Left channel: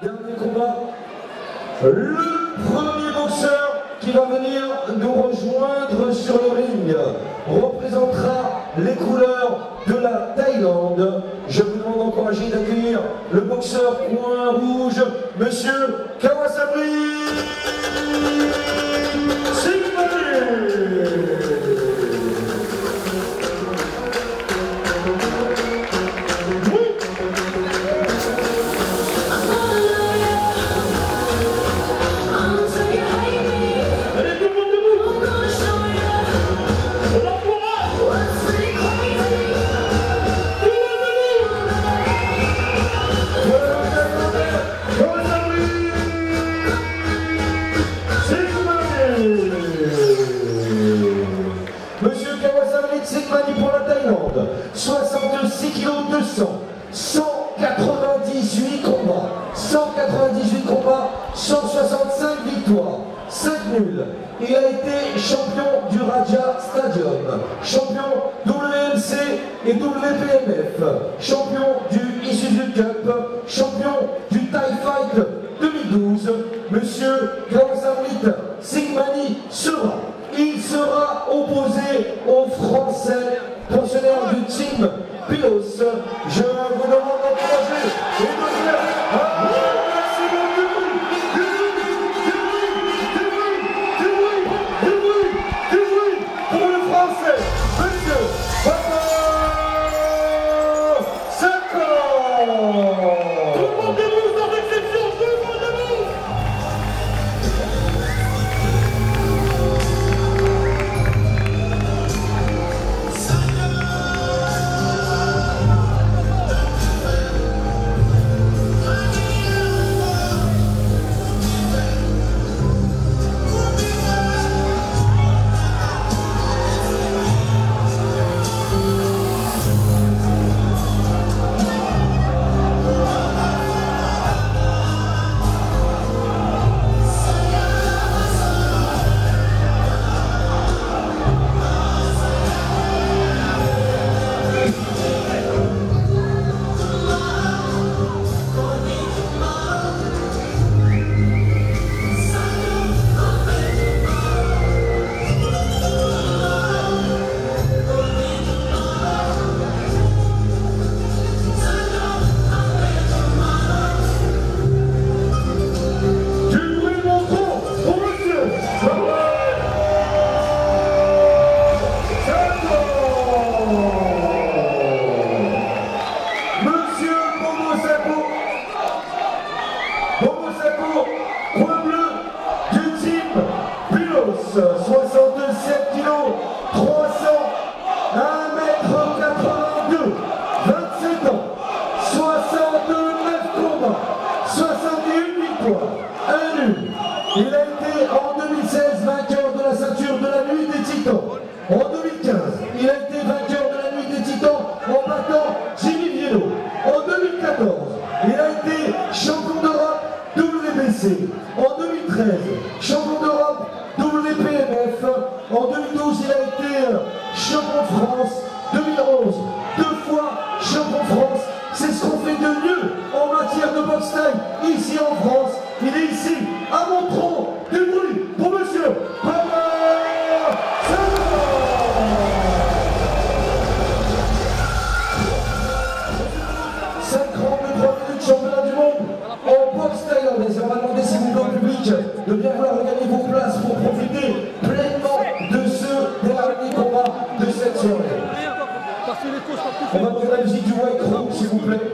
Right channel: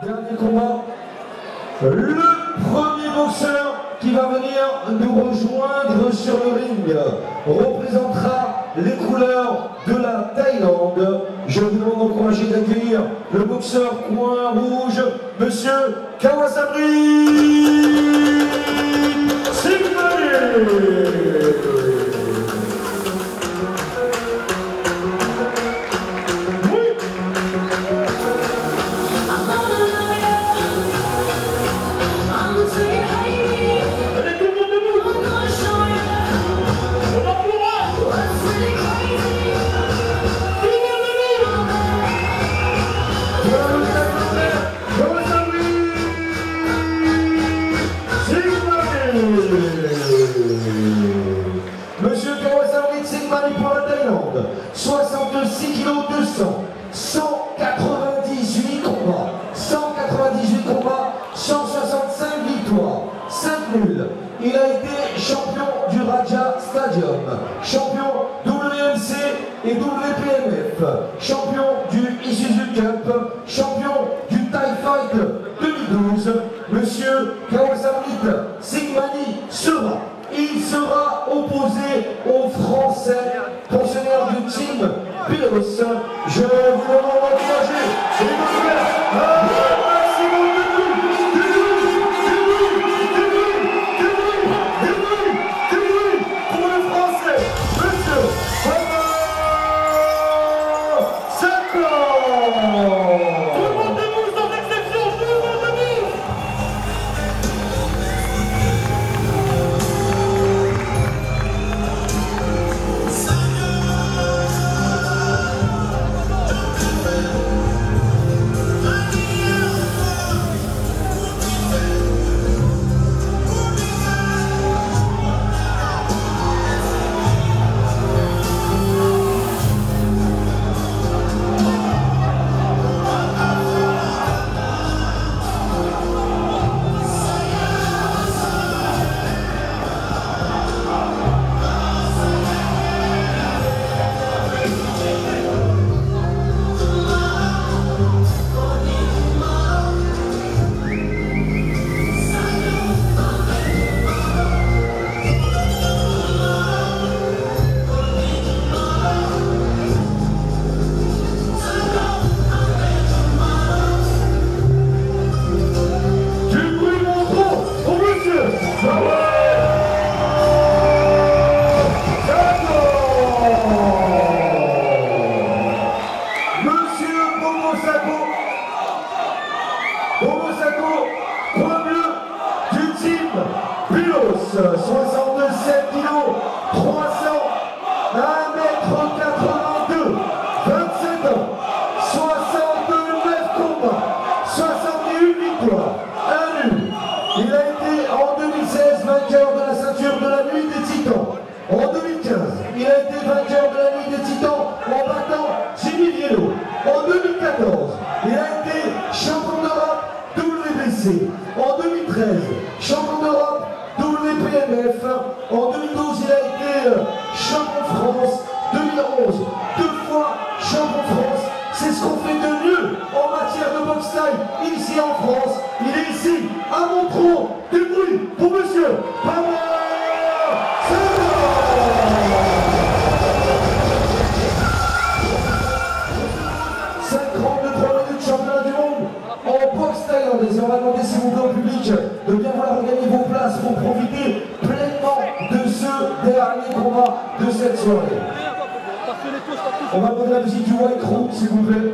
Dernier combat. Le premier boxeur qui va venir nous rejoindre sur le ring représentera les couleurs de la Thaïlande. Je vous demande d'encourager d'accueillir le boxeur coin rouge, Monsieur Kawasabri Sigmani. Monsieur Kawasabri Sigmani pour la Thaïlande, 66 kg 200, 198 combats, 165 victoires, 5 nuls. Il a été champion du Raja Stadium, champion WMC et WPMF, champion du Isuzu Cup, champion du Thai Fight 2012. Monsieur Kawasabri Sigmani il sera opposé aux Français pensionnaires du team Pilos. Je vous demande d'encourager et de faire un maximum de bruit pour le Français, Monsieur Papa Sakor. Tout le monde debout, sans exception, tout le monde debout. Bobo Sakor, coin bleu du team Pilos, 67 kg, 300, 1m82, 27 ans, 69 combats, 61 victoires, 1 nul. Il a été en 2016 vainqueur de la ceinture de la nuit des Titans. En 2015, il a été vainqueur de la nuit des Titans en battant Jimmy Viello. En 2014, il a été champion d'Europe WBC. En 2013, champion d'Europe WPMF. En 2012, il a été champion de France. 2011, 2 fois champion de France. C'est ce qu'on fait de mieux en matière de boxe thaï ici en France. Il est ici, à Montreux. Du bruit pour monsieur Papa Sakor. 5 rounds de 3 minutes, championnat du monde en boxe thaïlandaise. Et on va demander s'il vous plaît au public de bien vouloir regagner vos places pour profiter pleinement de ce dernier combat de cette soirée. On va demander la musique du White Room, s'il vous plaît.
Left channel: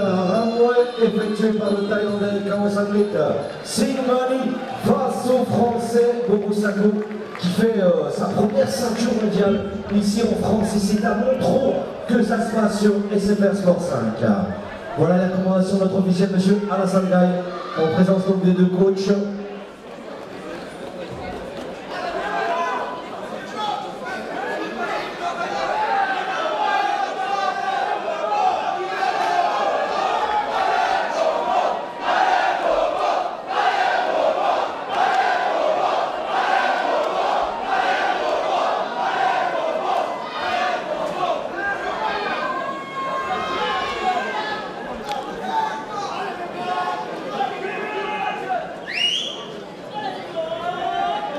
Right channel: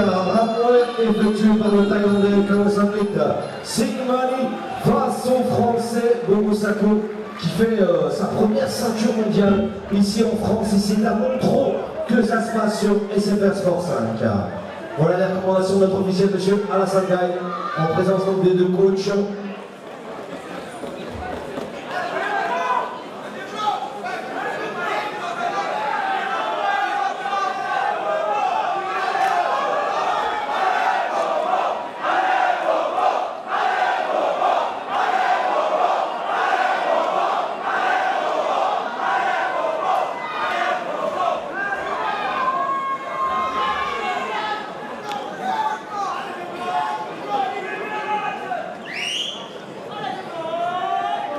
Ramouet effectué par le Thaïlandais Kawasamrit Singmani face au Français Bobo Sako qui fait sa première ceinture mondiale ici en France et c'est à Montreux que ça se passe sur SFR Sport 5. Voilà les recommandations de notre officiel monsieur Alassane Gaye en présence donc des deux coachs.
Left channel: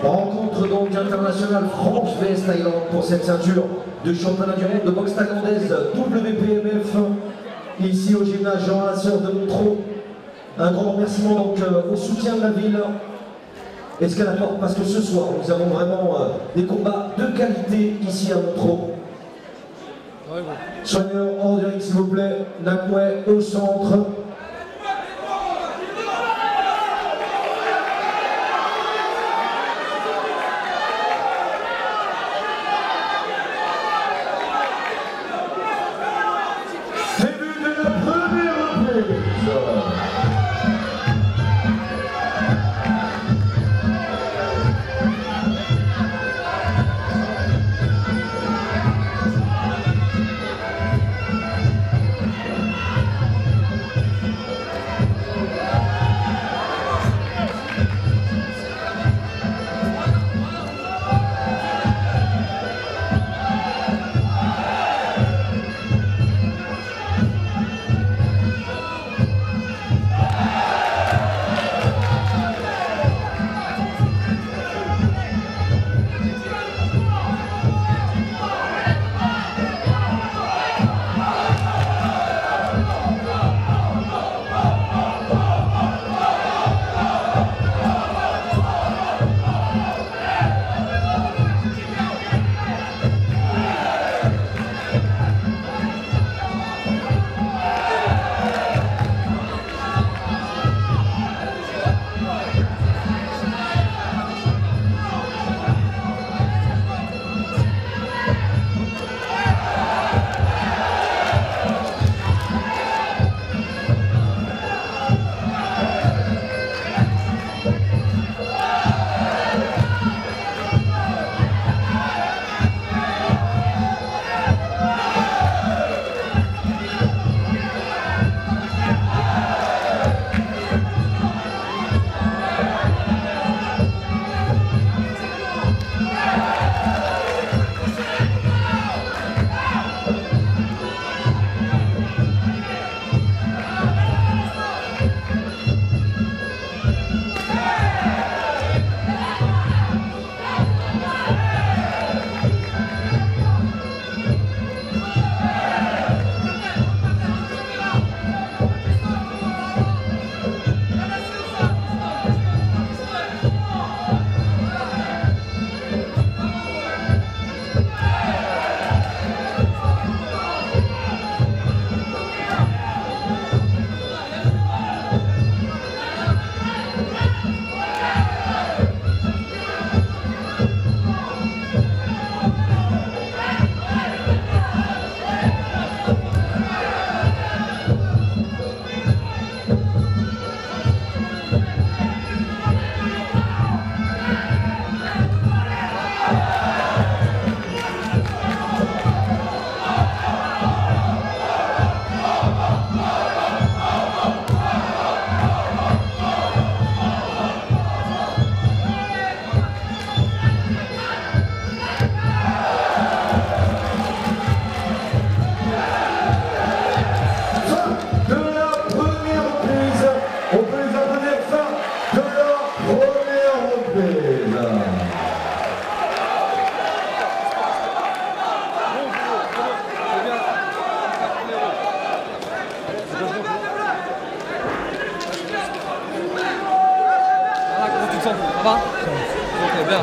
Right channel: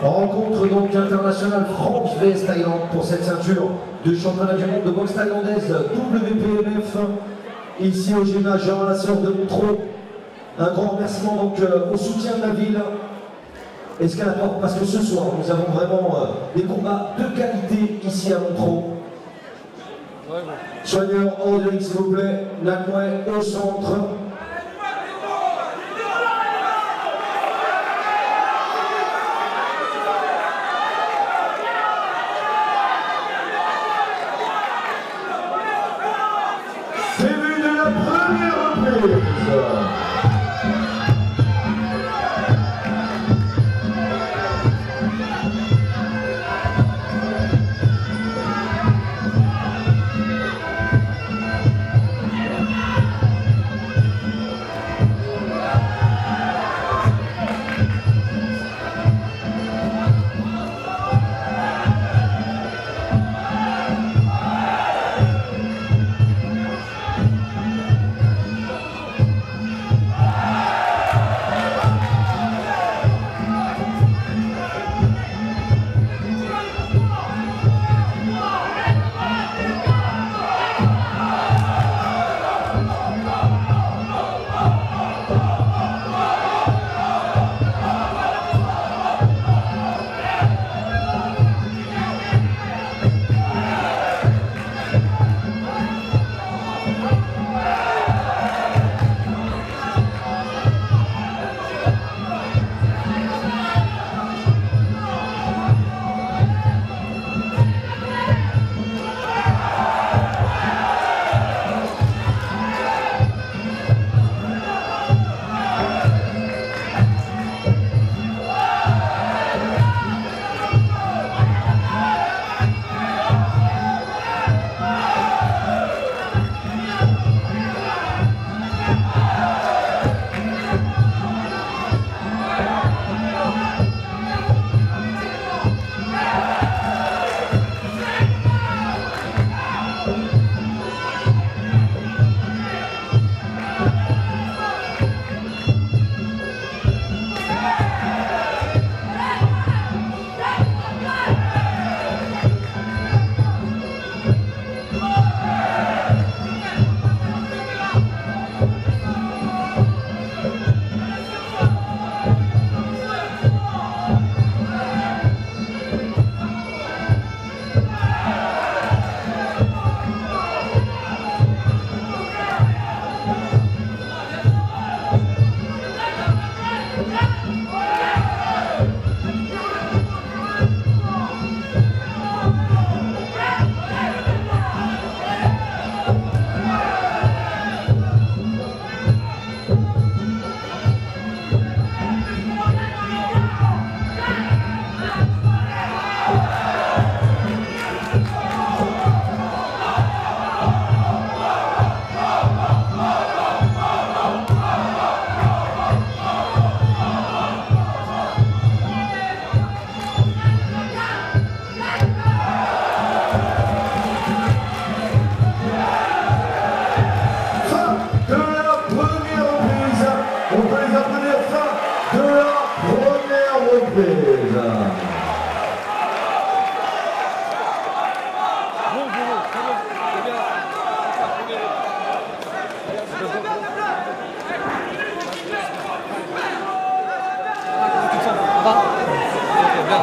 Rencontre donc internationale France vs Thaïlande pour cette ceinture de championnat du monde de boxe thaïlandaise WPMF ici au gymnase Jean Lasseur de Montreux. Un grand remerciement donc au soutien de la ville Escalator parce que ce soir nous avons vraiment des combats de qualité ici à Montreux. Soigneur en direct s'il vous plaît, Nakmouet au centre. Début de la première reprise.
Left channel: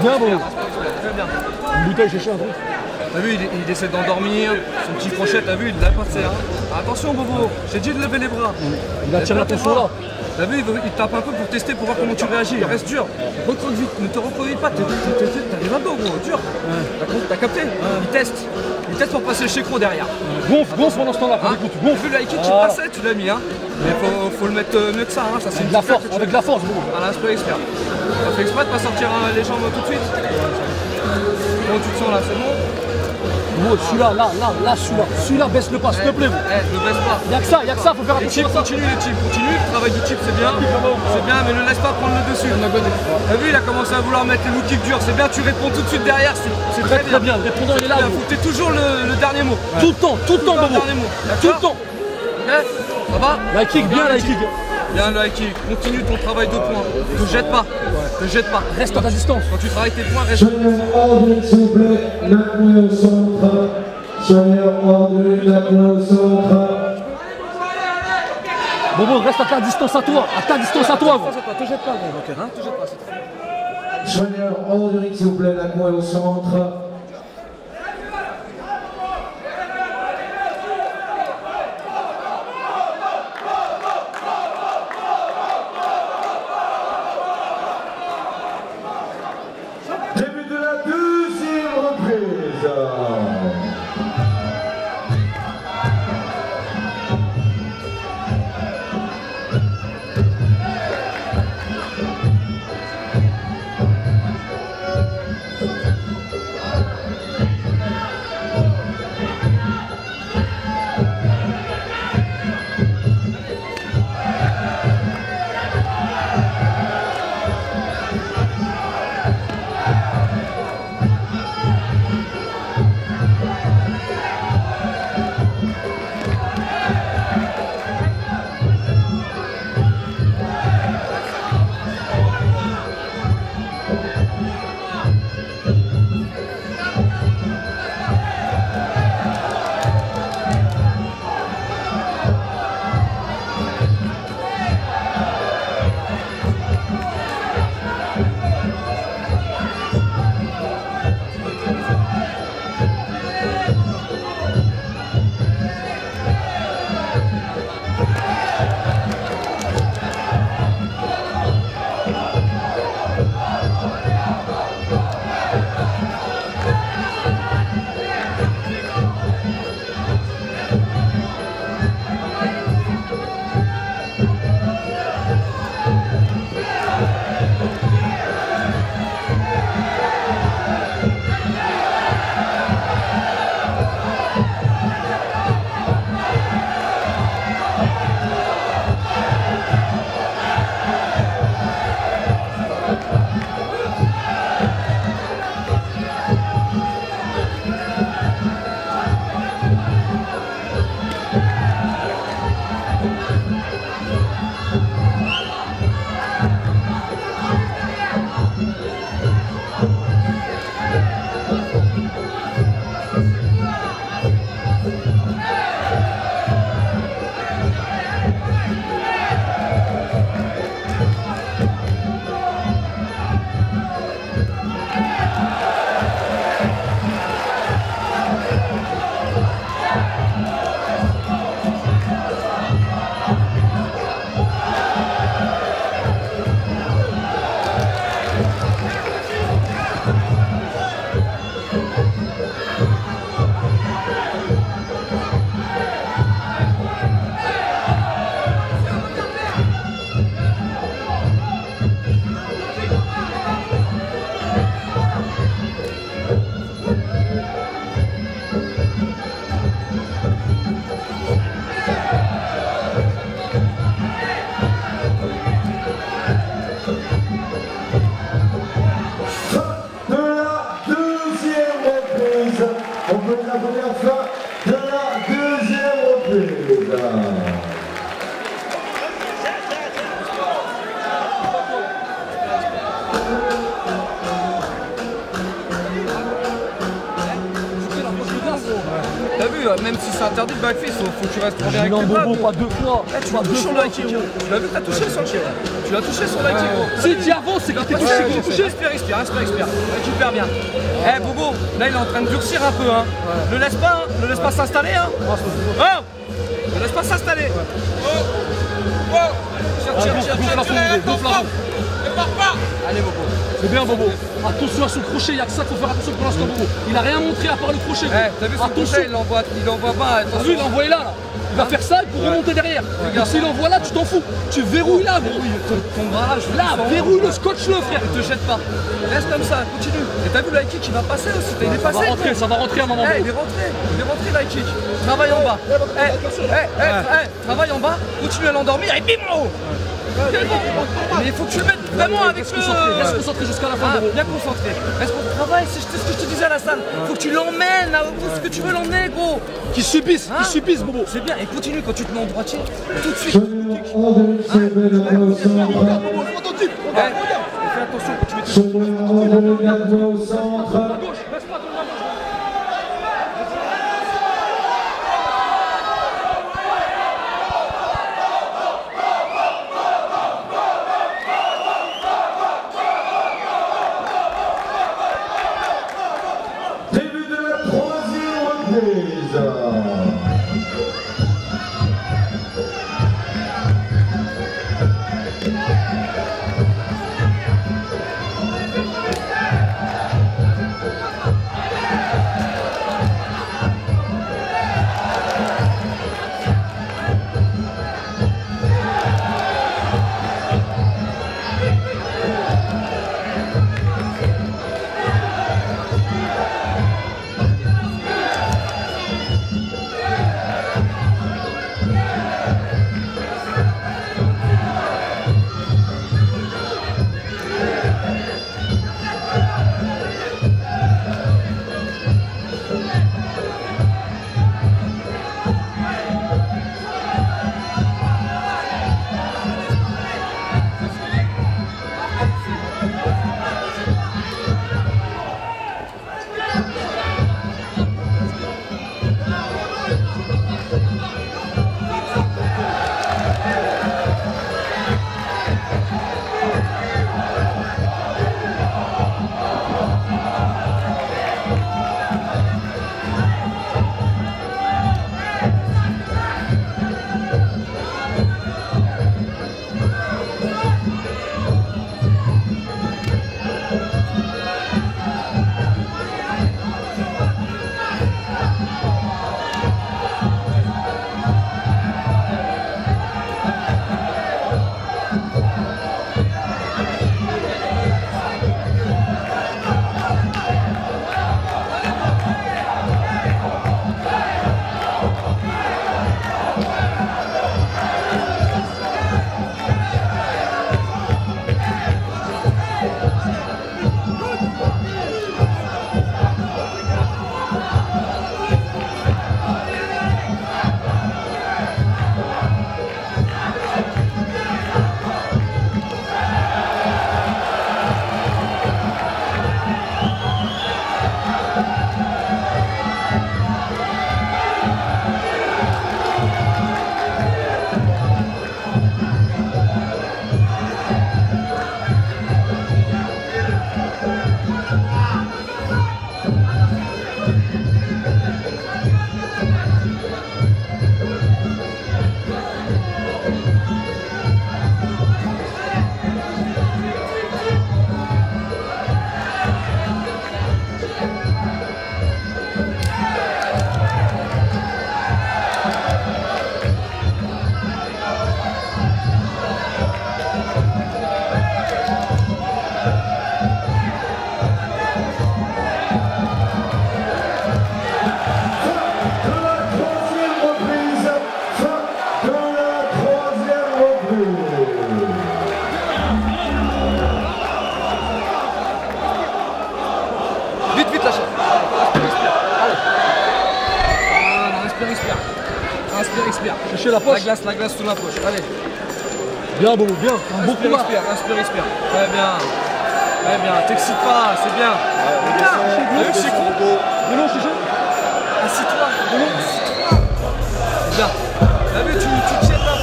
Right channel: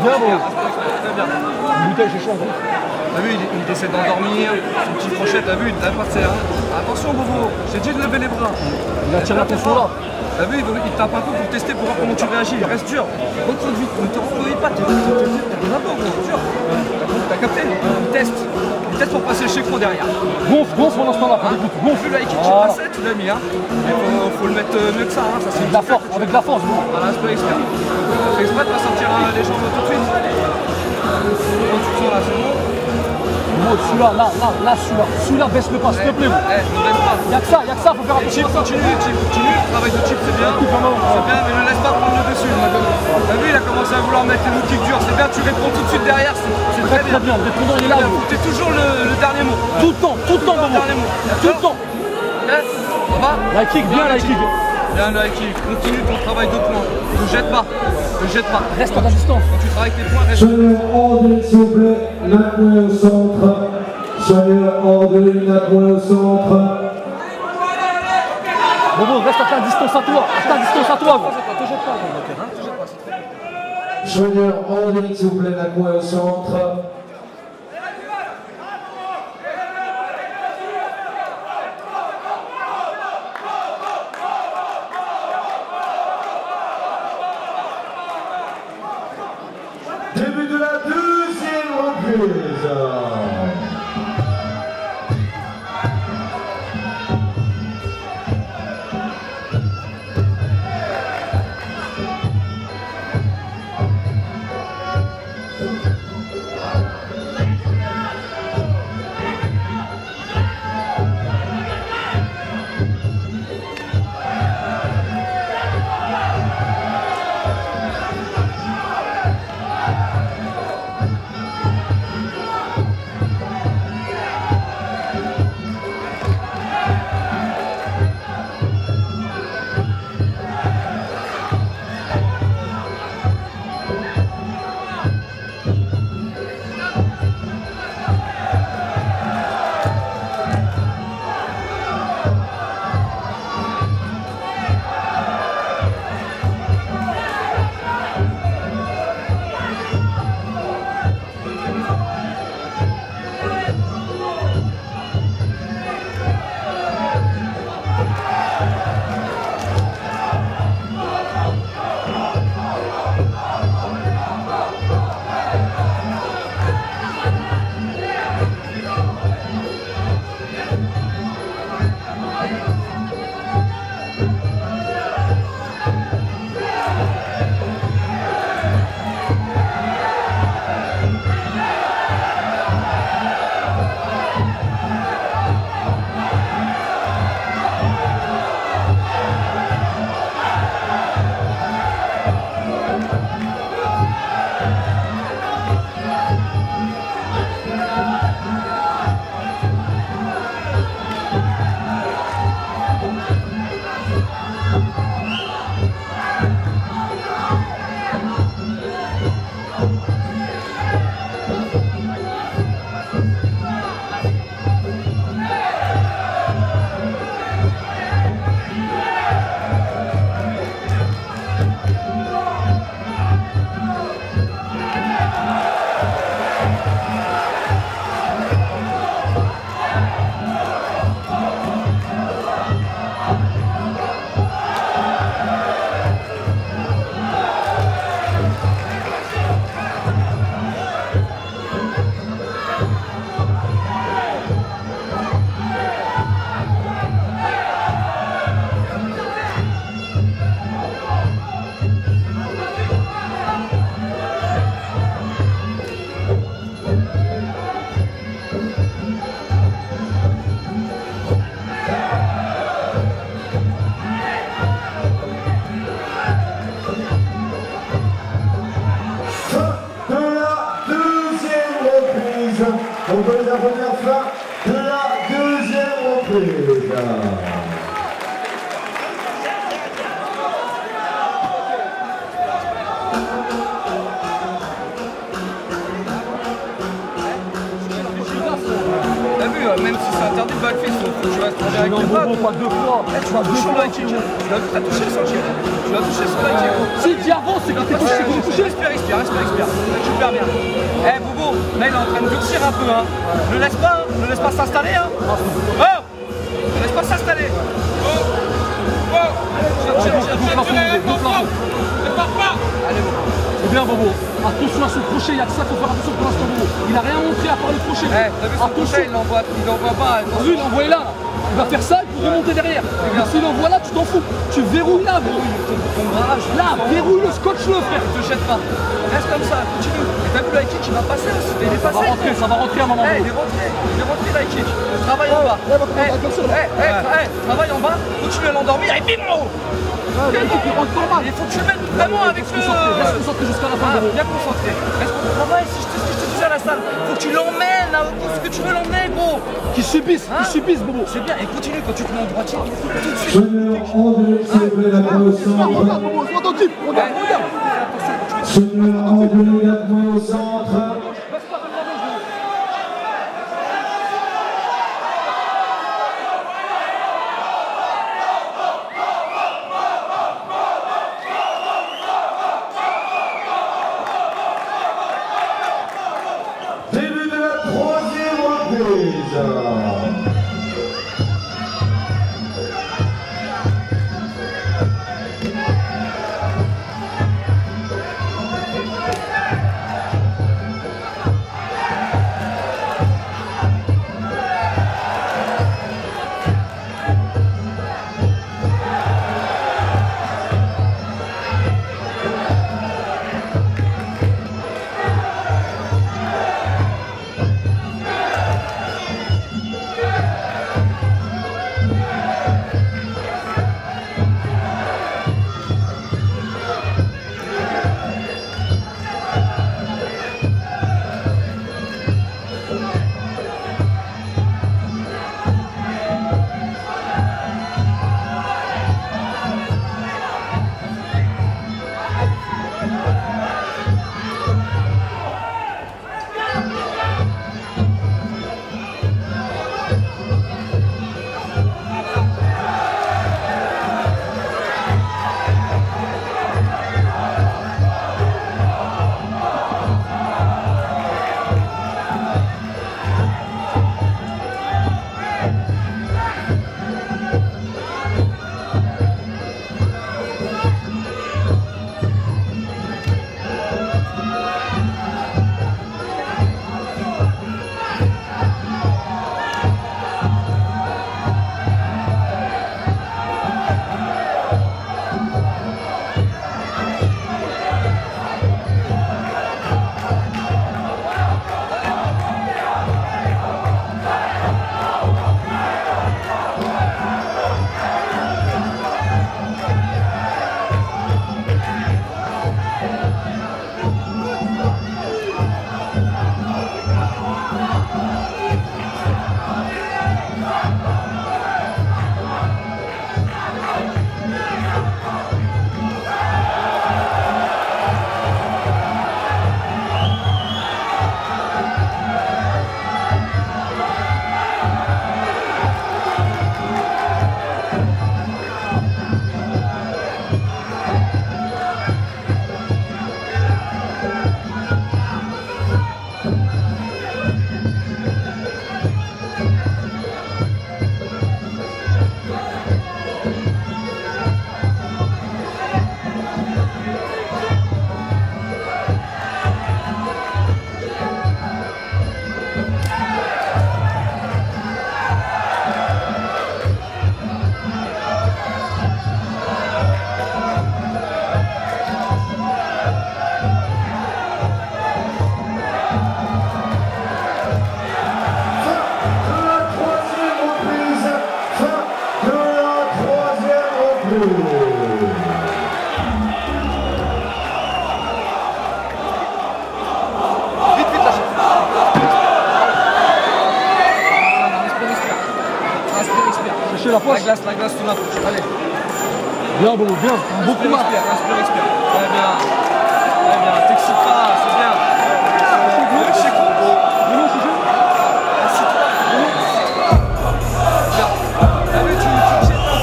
Bravo. Putain, j'ai chaud. essaie d'endormir, son petit crochet, t'as vu, il te lève pas de serre. Attention Bobo, j'ai dit de lever les bras. Il attire l'attention là. T'as vu, il tape un peu pour tester, pour voir comment tu réagis, reste dur. Ne te refroidis pas, t'es un peu dur. T'as capté? Il teste. Il teste pour passer le chécro derrière. Gonfle pendant ce temps-là, écoute, gonfle. Là, il passait, tu l'as mis, hein. Mais faut le mettre mieux que ça, hein. Avec la force, avec la force. Voilà, je peux exprès. Ça fait exprès de pas sortir les jambes tout de suite. Oh, celui-là, baisse-le pas, s'il te plaît. Y'a que ça, faut faire attention à ça. Continue, le travail du type, c'est bien. C'est bien, mais ne laisse pas prendre le dessus. T'as vu, il a commencé à vouloir mettre les mots durs. C'est bien, tu réponds tout de suite derrière, c'est très bien. Le répondant, il est là. T'es toujours le dernier mot. Tout le temps, Bobo. Tout le temps. Ça va? La kick, bien la kick. Bien la kick, continue ton travail de poing. Ne jette pas. Reste à ta distance. Tu travailles tes poings, reste. Soigneur hors de ligne, s'il vous plaît, la poing au centre. Soigneur hors de ligne, la poing au centre. Bobo, reste à ta distance à toi. Soigneur hors de ligne, s'il vous plaît, la poing au centre. Début de la deuxième reprise. On peut la première fin de la deuxième reprise. Même si c'est interdit de backflip, faut que je reste avec les bras. Pas deux fois, Tu l'as touché sur la kick. Si tu avances, c'est que t'es touché. Respire. super bien. Eh Bobo, là il est en train de durcir un peu, hein. Ne laisse pas s'installer, hein. Oh, ne laisse pas s'installer. C'est bien Bobo. Attention à son crochet, il y a que ça qu'il faut faire attention pour l'instant Bobo. Il a rien montré à part le crochet. Attention, il l'envoie pas. T'as vu, il envoie là. Il va faire ça, il peut remonter derrière. S'il envoie là, tu t'en fous. Tu verrouilles là, gros. Là, verrouille le scotch-le, frère. Ne te jette pas. Reste comme ça, continue. Et t'as vu la kick, il va passer là. Il est passé. Ça va rentrer à un moment. Il est rentré la kick. Travaille en bas. Travaille en bas, continue à l'endormir et bim en haut. Il faut que tu le mettes vraiment avec le... Reste concentré jusqu'à la fin. Bien concentré. Reste concentré. Travaille, c'est ce que je te disais à la salle. Faut que tu l'emmènes là, où est-ce que tu veux l'emmener, gros. Qui subissent, Bobo. C'est bien, et continue quand tu te mets en droitier. Seigneur, on devait célébrer la promotion. Regarde, Bobo, regarde. Seigneur, on devait gagner au centre. Début de la troisième reprise. La poche. La glace sur la bouche. Allez. Bien, Bobo, bien. Beaucoup marre. Respire. Très bien. Très bien. T'excites pas, c'est bien. C'est cool. De l'eau, Chiché. Assieds-toi. Bien. Allez, tu tiens pas.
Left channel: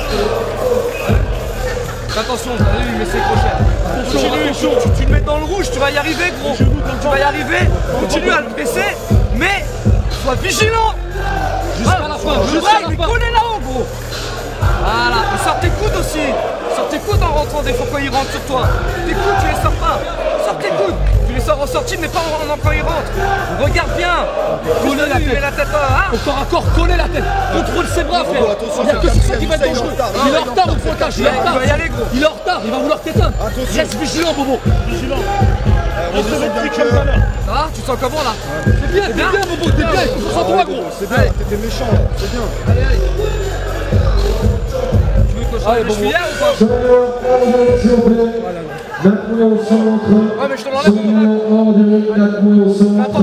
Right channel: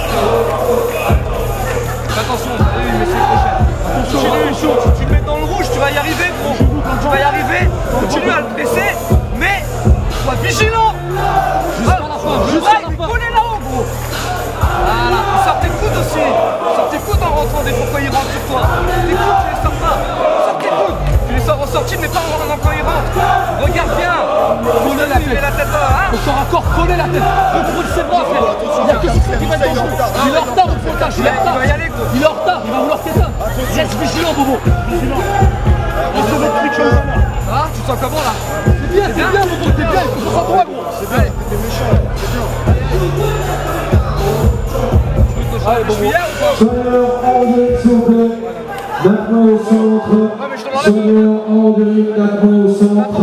Attention, allez, laissez le crochet. Attention. Tu te mets dans le rouge, tu vas y arriver, gros. Tu vas y arriver. contrôler la tête, contrôle ses bras, frère. Il n'y a que ça qui va être dangereux. Il est en retard au pointage, il est en retard. Il est en retard, il va vouloir t'éteindre. Reste vigilant, Bobo. Vigilant. On se met trick comme ça là. Ah, tu sens comment là? T'es bien, Bobo, t'es bien, il faut que ça droit, gros. C'est bien, t'étais méchant, c'est bien. Allez, Bobo. S'il vous plaît. Maintenant au centre. Sonia hors de ligne, maintenant au centre.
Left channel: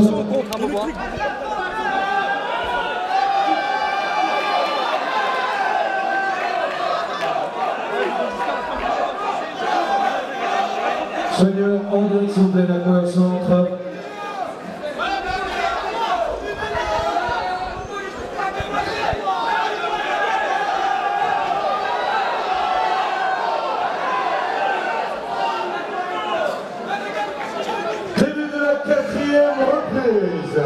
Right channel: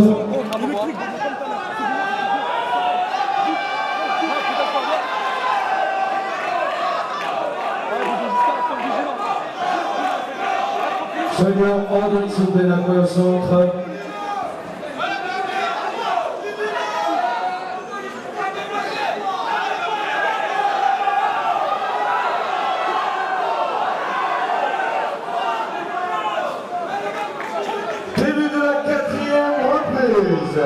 Sonia hors de ligne, s'il vous plaît, maintenant au centre. Début de la 4e reprise.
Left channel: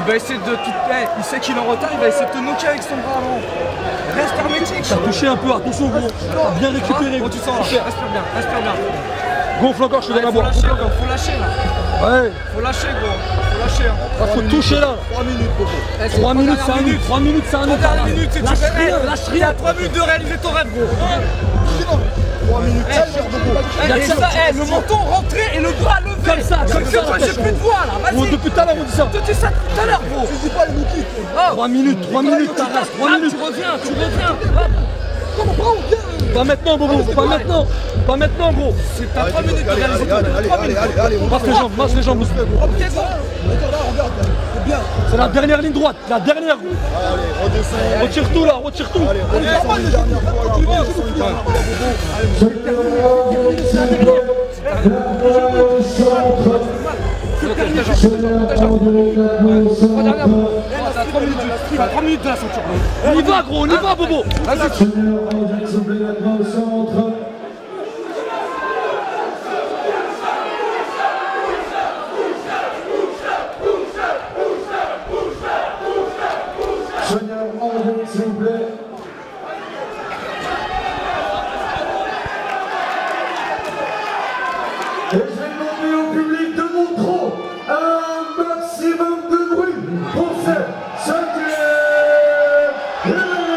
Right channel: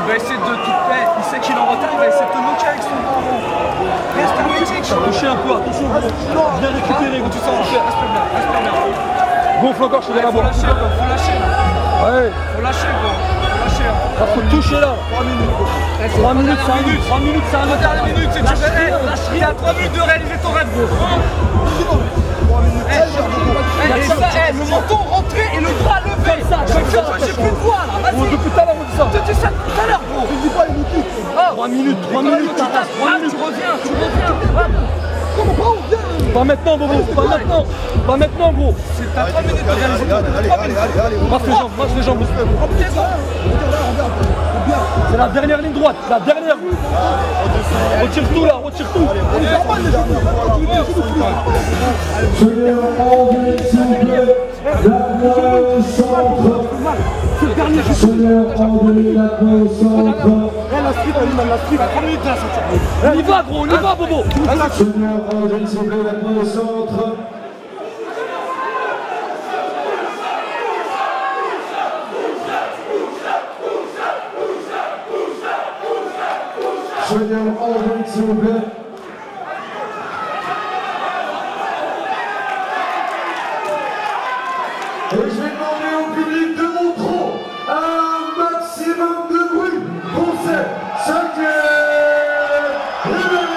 Il va essayer de... il sait qu'il est en retard, il va essayer de te knocker avec son bras. Reste hermétique. T'as touché un peu, attention gros. Bien récupéré. Quand tu sens, respire bien, respire bien. Gonfle encore, je te donne à Faut boire. lâcher encore, faut lâcher. Ouais. Faut lâcher quoi. Faut lâcher. Là, faut toucher là. 3 minutes. 3 minutes, c'est un autre. 3 minutes, c'est un autre. Lâche rien, lâche rien. 3 minutes de réaliser ton rêve. 3 minutes. Le menton rentré et le bras levé. Comme ça, j'ai plus de voix là. Vas-y. Depuis tout à l'heure, on dit ça. Tu dis ça tout à l'heure, gros. Tu dis pas les Niki. 3 minutes, ta race. 3 minutes. Tu reviens. Comment on vient? Pas maintenant, Bobo, pas maintenant. Pas maintenant, gros. T'as 3 minutes de réaliser. Masse les jambes. C'est la dernière ligne droite, la dernière. Retire tout là, retire tout. On y va, gros, on y va, Bobo. Soigneur André, s'il vous plaît. Et je vais demander au public de Montreux un maximum de bruit pour cette 5e rentrée.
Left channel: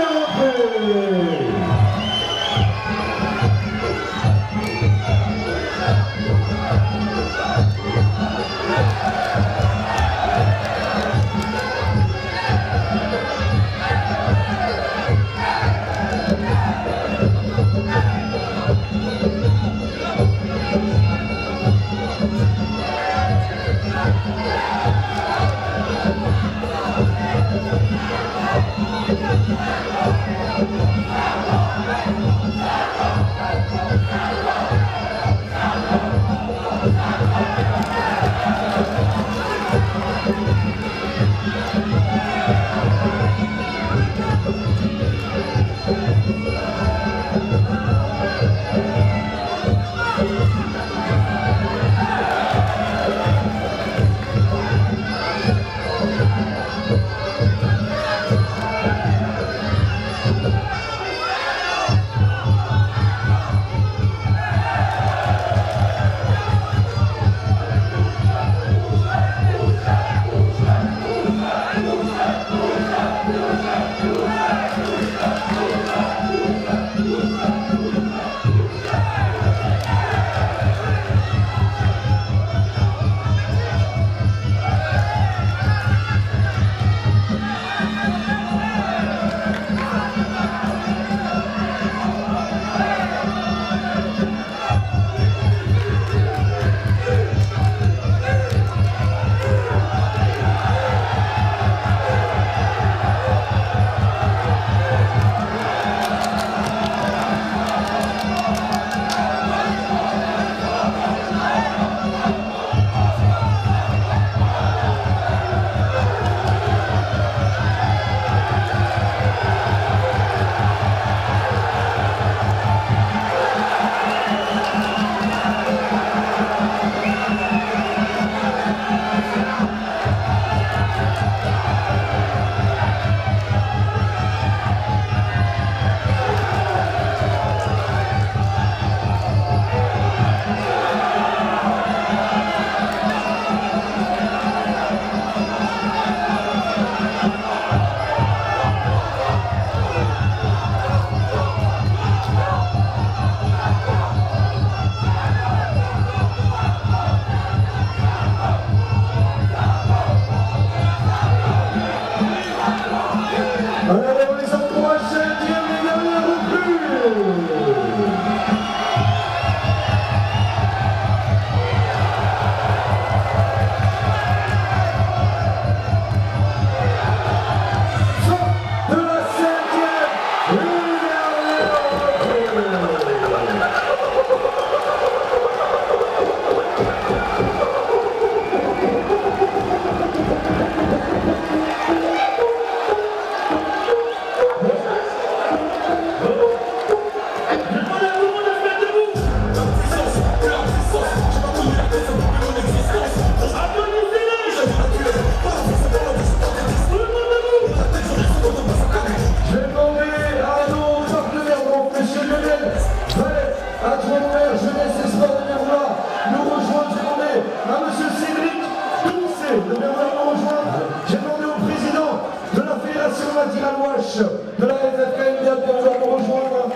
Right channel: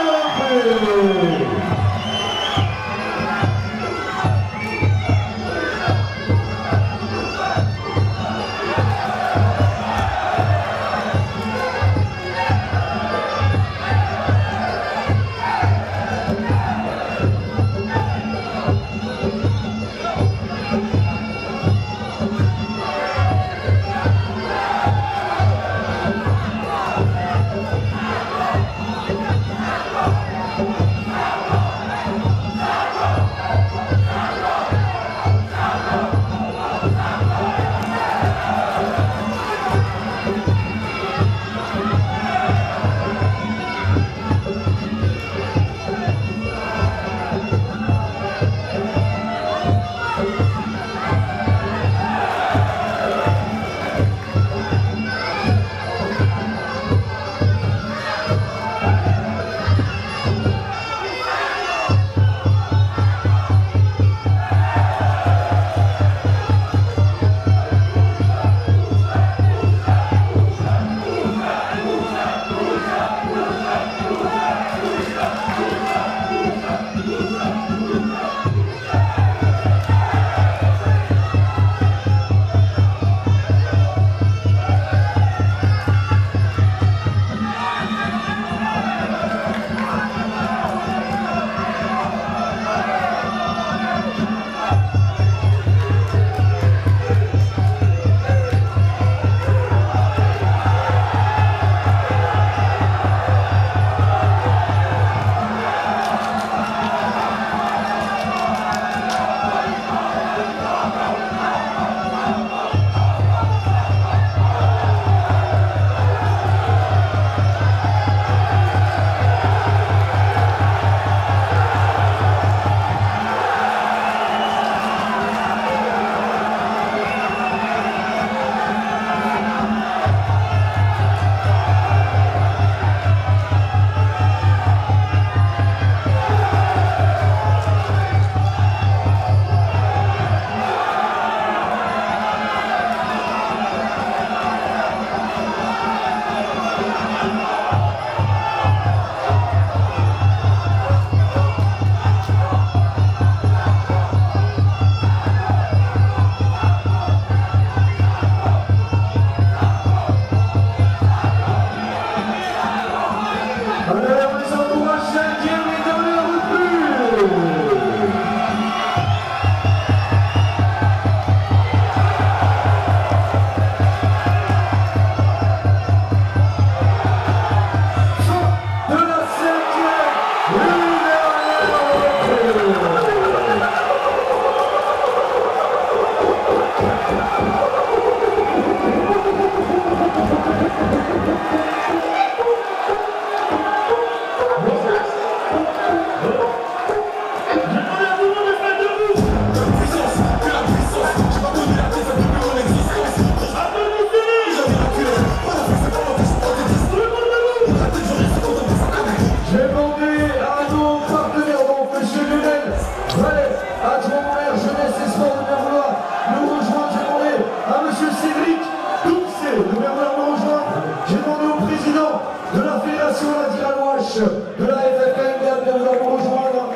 de la FFK vient de nous rejoindre.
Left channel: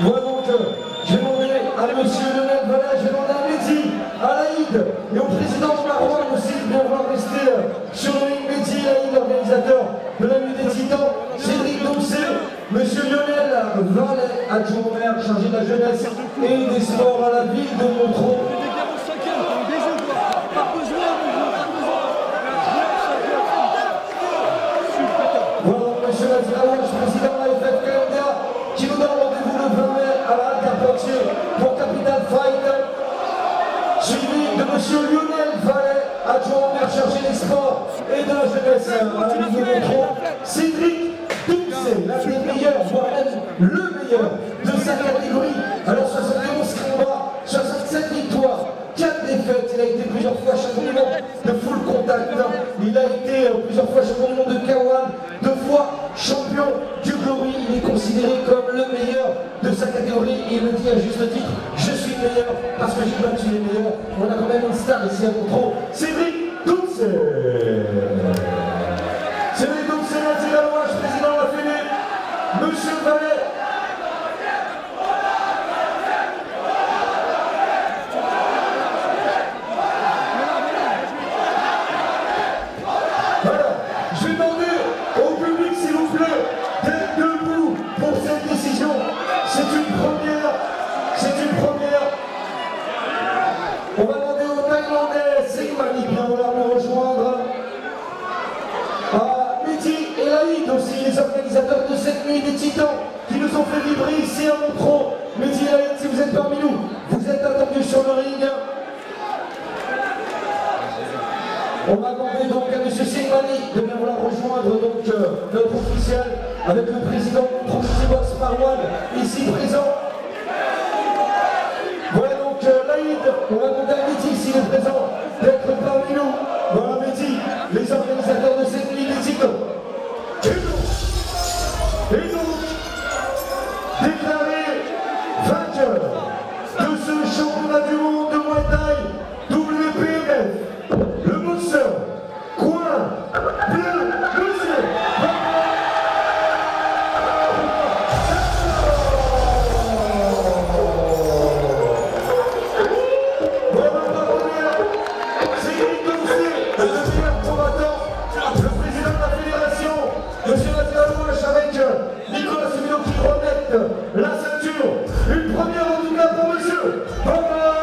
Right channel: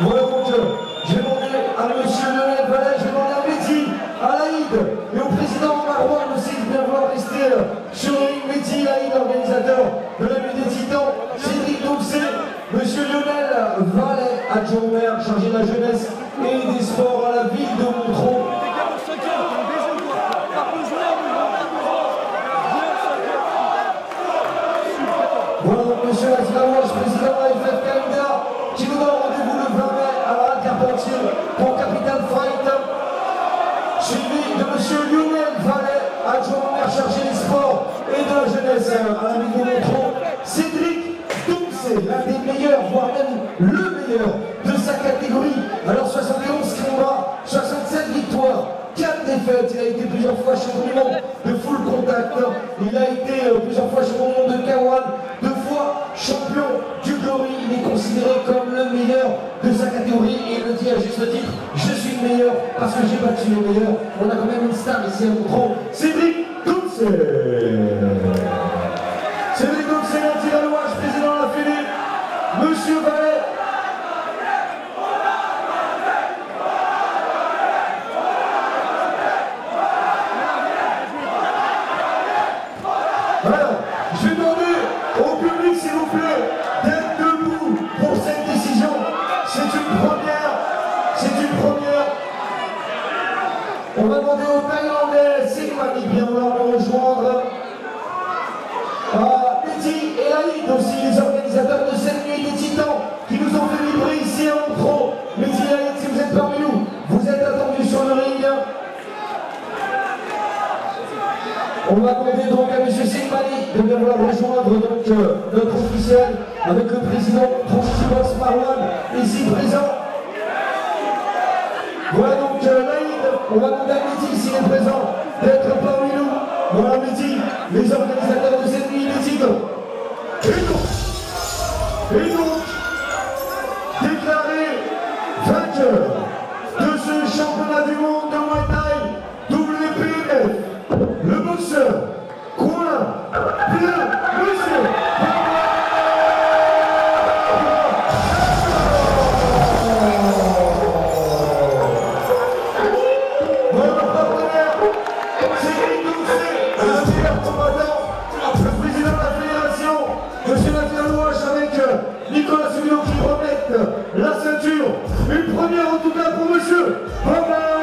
Voilà donc, j'ai demandé à monsieur Lionel Vallet, j'ai demandé à Mehdi, à Laïd et au président Marouane aussi de bien vouloir rester sur le ring. Mehdi, Laïd, organisateur de la nuit des Titans, Cédric Doucet, monsieur Lionel Vallet. adjoint au maire chargé de la jeunesse et des sports à la ville de Montreux. Voilà donc monsieur Lazilaouche, président de la FFKMDA, qui nous donne rendez-vous le 20 mai à la Interportier pour Capital Fight, suivi de monsieur Lionel Vallet, adjoint au maire chargé des sports et de la jeunesse à la ville de Montreux. Cédric Doucet, l'un des meilleurs, voire même le meilleur de sa catégorie. Alors 71 combats, 67 victoires, 4 défaites. Il a été plusieurs fois champion du monde de full contact. Il a été plusieurs fois champion du monde de K1, 2 fois champion du Glory. Il est considéré comme le meilleur de sa catégorie et il le dit à juste titre, je suis le meilleur parce que j'ai battu les meilleurs. On a quand même une star ici à Montreux, Cédric Doucet. Cédric Doucet, Lazilaouche, président de la Fédé, monsieur Vallet. Alors, je vais demander au public, s'il vous plaît, d'être debout pour cette décision. C'est une première. C'est une première. On va demander aux Thaïlandais, Sengmani, bien vouloir nous rejoindre. À Betty et Laïd aussi, les organisateurs de cette nuit des Titans qui nous ont fait vibrer ici à Montreux. Betty et Laïd, si vous êtes parmi nous, vous êtes attendus sur le ring. On va demander donc à M. Sengmani de bien vouloir rejoindre donc, notre officiel avec le président Trusty Boss Marwan ici présent. Voilà donc Laïd, on va demander à Betty s'il est présent d'être parmi nous. Voilà Betty, les organisateurs de cette nuit des Tigres. Et donc, déclaré vainqueur de ce championnat du monde de Muay Thai WPF. Le boxeur, coin, bleu, monsieur. Notre partenaire, Cédric Doucet, le meilleur combattant, le président de la fédération, monsieur Lazilaouche avec Nicolas Subino qui remettent la ceinture. Une première en tout cas pour monsieur Bamba.